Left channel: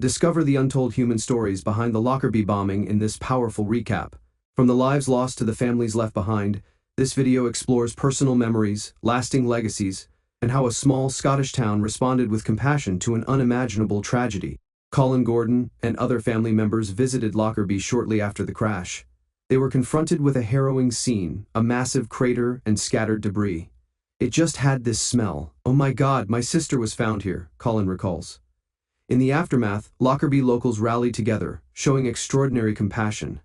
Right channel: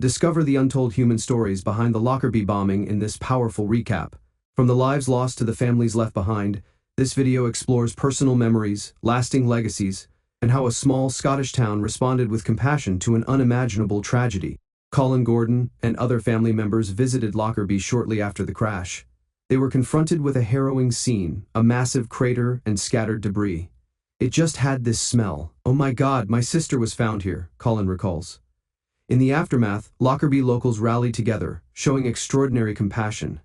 Discover the untold human stories behind the Lockerbie bombing in this powerful recap. From the lives lost to the families left behind, this video explores personal memories, lasting legacies, and how a small Scottish town responded with compassion to an unimaginable tragedy. Colin Gordon and other family members visited Lockerbie shortly after the crash. They were confronted with a harrowing scene, a massive crater and scattered debris. "It just had this smell. Oh my God, my sister was found here," Colin recalls. In the aftermath, Lockerbie locals rallied together, showing extraordinary compassion.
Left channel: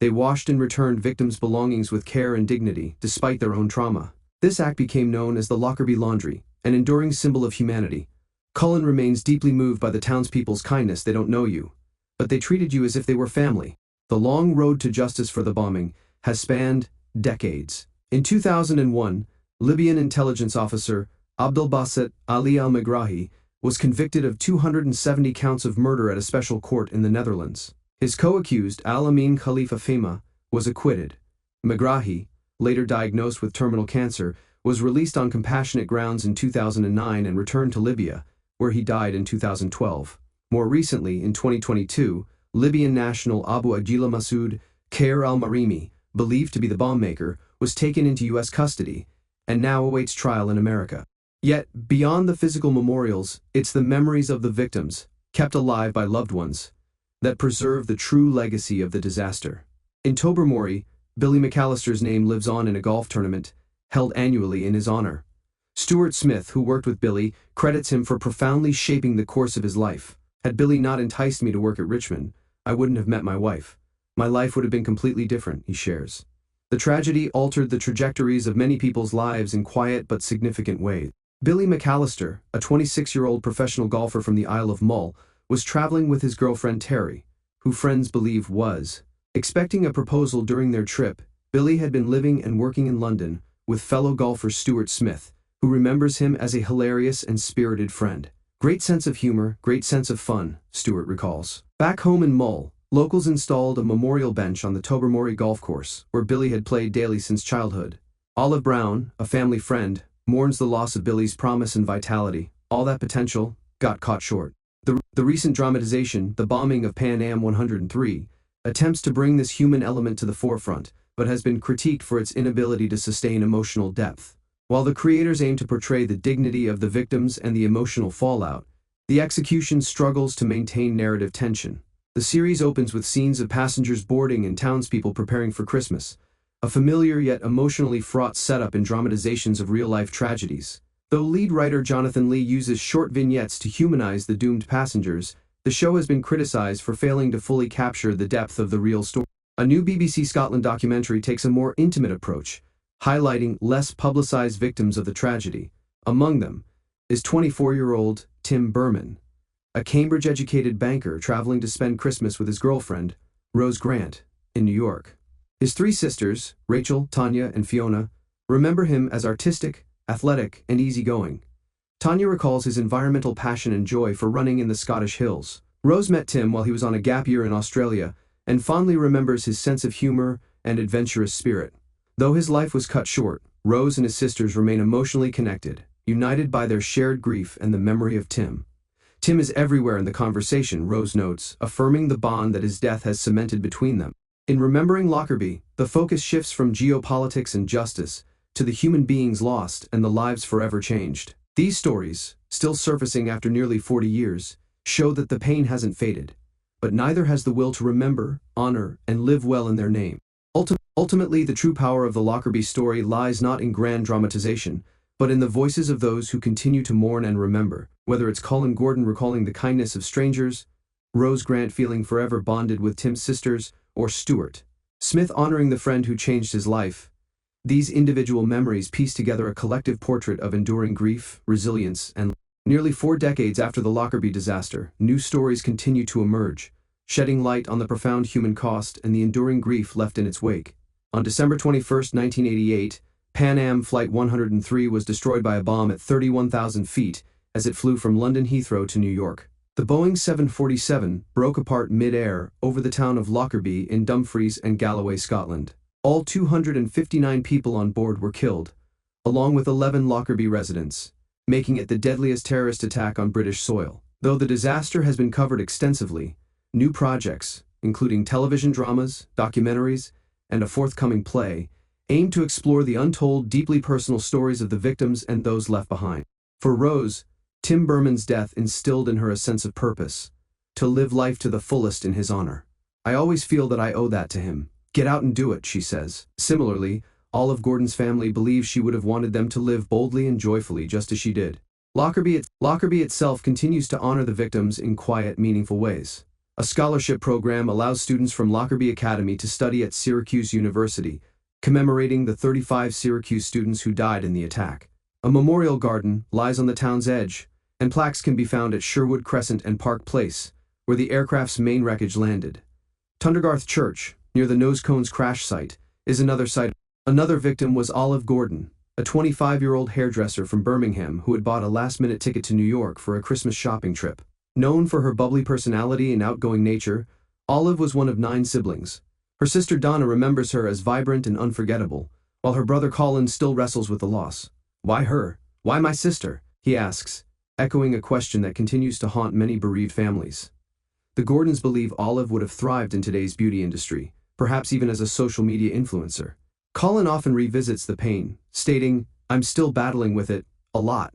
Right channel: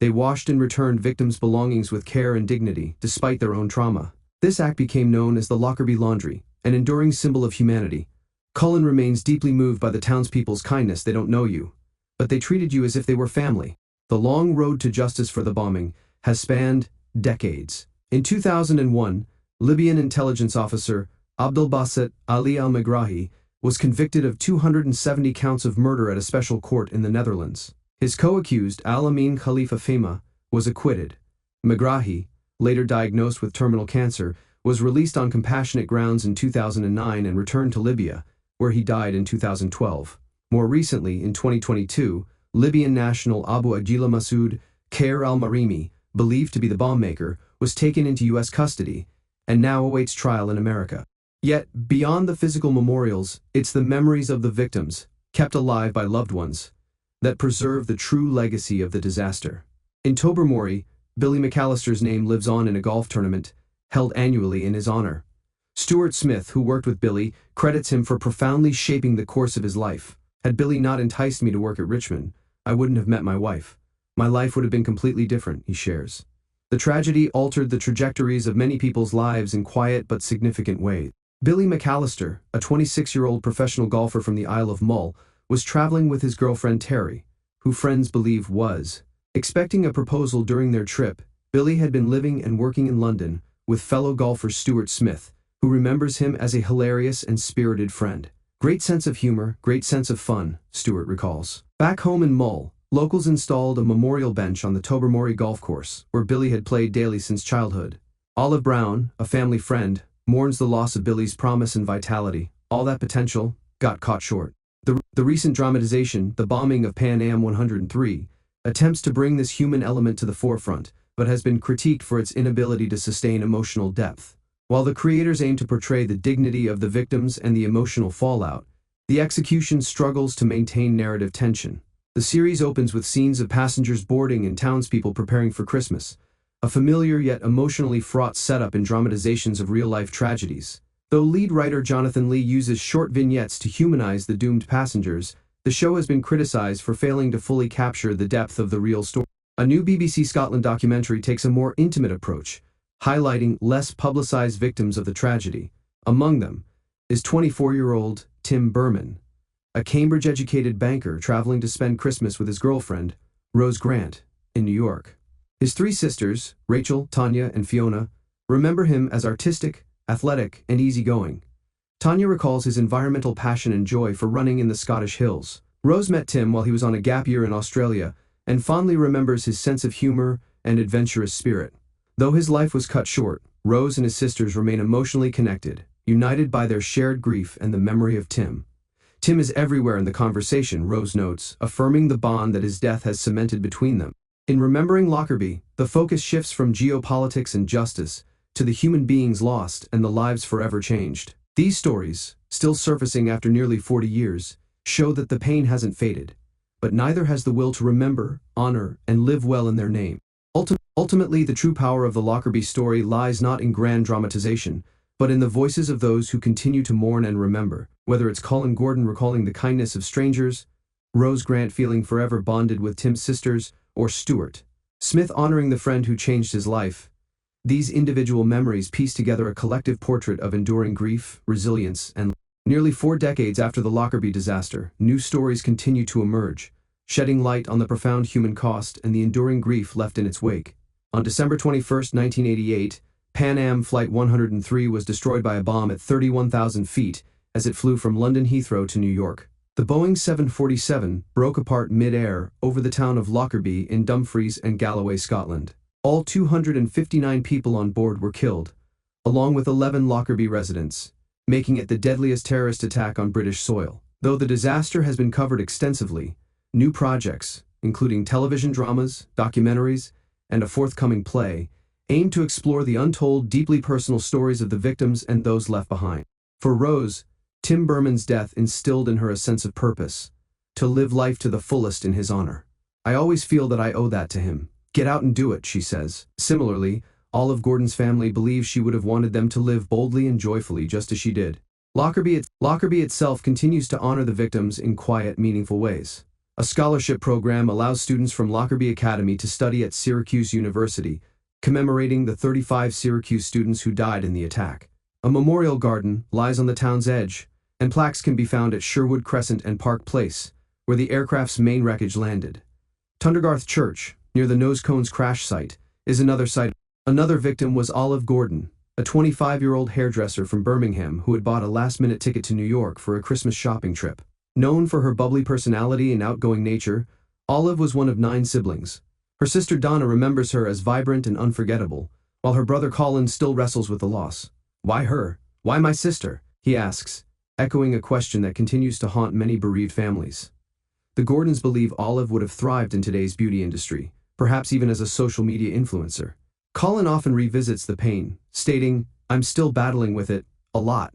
They washed and returned victims' belongings with care and dignity, despite their own trauma. This act became known as the Lockerbie Laundry, an enduring symbol of humanity. Cullen remains deeply moved by the townspeople's kindness. "They don't know you, but they treated you as if they were family." The long road to justice for the bombing has spanned decades. In 2001, Libyan intelligence officer Abdelbaset Ali al-Megrahi was convicted of 270 counts of murder at a special court in the Netherlands. His co-accused, Al-Amin Khalifa Fehma, was acquitted. Megrahi, later diagnosed with terminal cancer, was released on compassionate grounds in 2009 and returned to Libya, where he died in 2012. More recently, in 2022, Libyan national Abu Agila Masoud Khair al-Marimi, believed to be the bomb maker, was taken into U.S. custody and now awaits trial in America. Yet, beyond the physical memorials, it's the memories of the victims, kept alive by loved ones, that preserve the true legacy of the disaster. In Tobermory, Billy McAllister's name lives on in a golf tournament held annually in his honor. Stuart Smith, who worked with Billy, credits him for profoundly shaping the course of his life. "Had Billy not enticed me to work at Richmond, I wouldn't have met my wife. My life would have been completely different," he shares. The tragedy altered the trajectories of many people's lives in quiet but significant ways. Billy McAllister, a 26-year-old professional golfer from the Isle of Mull, was traveling with his girlfriend Terry, who friends believe was expecting a proposal. During their trip, Billy had been living and working in London with fellow golfer Stuart Smith, who remembers him as a hilarious and spirited friend. "Great sense of humor, great sense of fun," Stuart recalls. Back home in Mull, locals installed a memorial bench on the Tobermory golf course, where Billy had played daily since childhood. Olive Brown, a family friend, mourns the loss of Billy's promise and vitality. "All that potential got caught short." The recent dramatization, The Bombing of Pan Am 103, attempts to bring this human element to the forefront, but has been critiqued for its inability to sustain emotional depth. While the creators aim to portray the dignity of the victims and the emotional fallout, the execution struggles to maintain narrative tension. The series opens with scenes of passengers boarding and townspeople preparing for Christmas, a familiar yet emotionally fraught setup in dramatizations of real-life tragedies. Though lead writer Jonathan Lee uses short vignettes to humanize the doomed passengers, the show has been criticized for failing to fully capture the depth of the real story. A new BBC Scotland documentary takes a more intimate approach, highlighting less publicized victims of the tragedy. Among them is 24-year-old Tim Berman, a Cambridge-educated banker traveling to spend Christmas with his girlfriend, Rose Grant, in New York. His three sisters, Rachel, Tanya, and Fiona, remember him as artistic, athletic, and easygoing. Tanya recalls his environmental passion and joy for running in the Scottish hills. Rose met Tim while he was on a gap year in Australia and fondly remembers his sense of humor and adventurous spirit. Though his life was cut short, Rose and his sisters remain emotionally connected, united by their shared grief and the memory of Tim. "Tim is everywhere in the conversation," Rose notes, affirming the bond that his death has cemented between them. In Remembering Lockerbie, the focus shifts from geopolitics and justice to the human beings lost and the lives forever changed. These stories, still surfacing after nearly 40 years, show that the pain hasn't faded, but neither has the will to remember, honor, and live well in their name. Ultimately, the true power of the Lockerbie story lies not in grand dramatization, but in the voices of those who continue to mourn and remember, whether it's Colin Gordon recalling the kindness of strangers, Rose Grant feeling forever bonded with Tim's sisters, or Stuart Smith honoring the friend who changed his life. These individual memories piece together a collective portrait of enduring grief, resilience, and nearly 4 decades after the Lockerbie disaster, new stories continue to emerge, shedding light on the profound human cost and the enduring grief left in its wake. On December 21, 1988, Pan Am Flight 103 was destroyed by a bomb at 31,000 feet as it flew from London Heathrow to New York. The Boeing 747 broke apart mid-air over the town of Lockerbie in Dumfries and Galloway, Scotland. All 259 people on board were killed, along with 11 Lockerbie residents, making it the deadliest terrorist attack on British soil. Though the disaster has been covered extensively, new projects, including television dramas, documentaries, and a forthcoming play, aim to explore the untold, deeply personal stories of the victims and those left behind. For Rose, Tim Berman's death instilled in her a sense of purpose, to live life to the fullest in his honor. "I always feel that I owe that to him. Get out and do it," she says. Similarly, Olive Gordon's family believes she would have wanted them to live boldly and joyfully just as she did. Lockerbie itself continues to honor the victims in quiet, meaningful ways. A scholarship program allows students from Lockerbie Academy to study at Syracuse University, commemorating the 35 Syracuse students who died in the attack. A memorial garden lies on the town's edge, and plaques can be found at Sherwood Crescent and Park Place, where the aircraft's main wreckage landed. Tundergarth Church, near the Nosecones crash site, is another site. Another victim was Olive Gordon, a 25-year-old hairdresser from Birmingham who had bought a last-minute ticket to New York for a Christmas shopping trip. Known for her bubbly personality and outgoing nature, Olive was one of 9 siblings. Her sister Donna remembers her as vibrant and unforgettable, while her brother Colin still wrestles with the loss. "Why her? Why my sister?" he asks, echoing a question that continues to haunt many bereaved families. The Gordons believe Olive would have thrived in today's beauty industry, perhaps even as a social media influencer. Colin often revisits the pain, stating, "I'm still battling with it, a lot."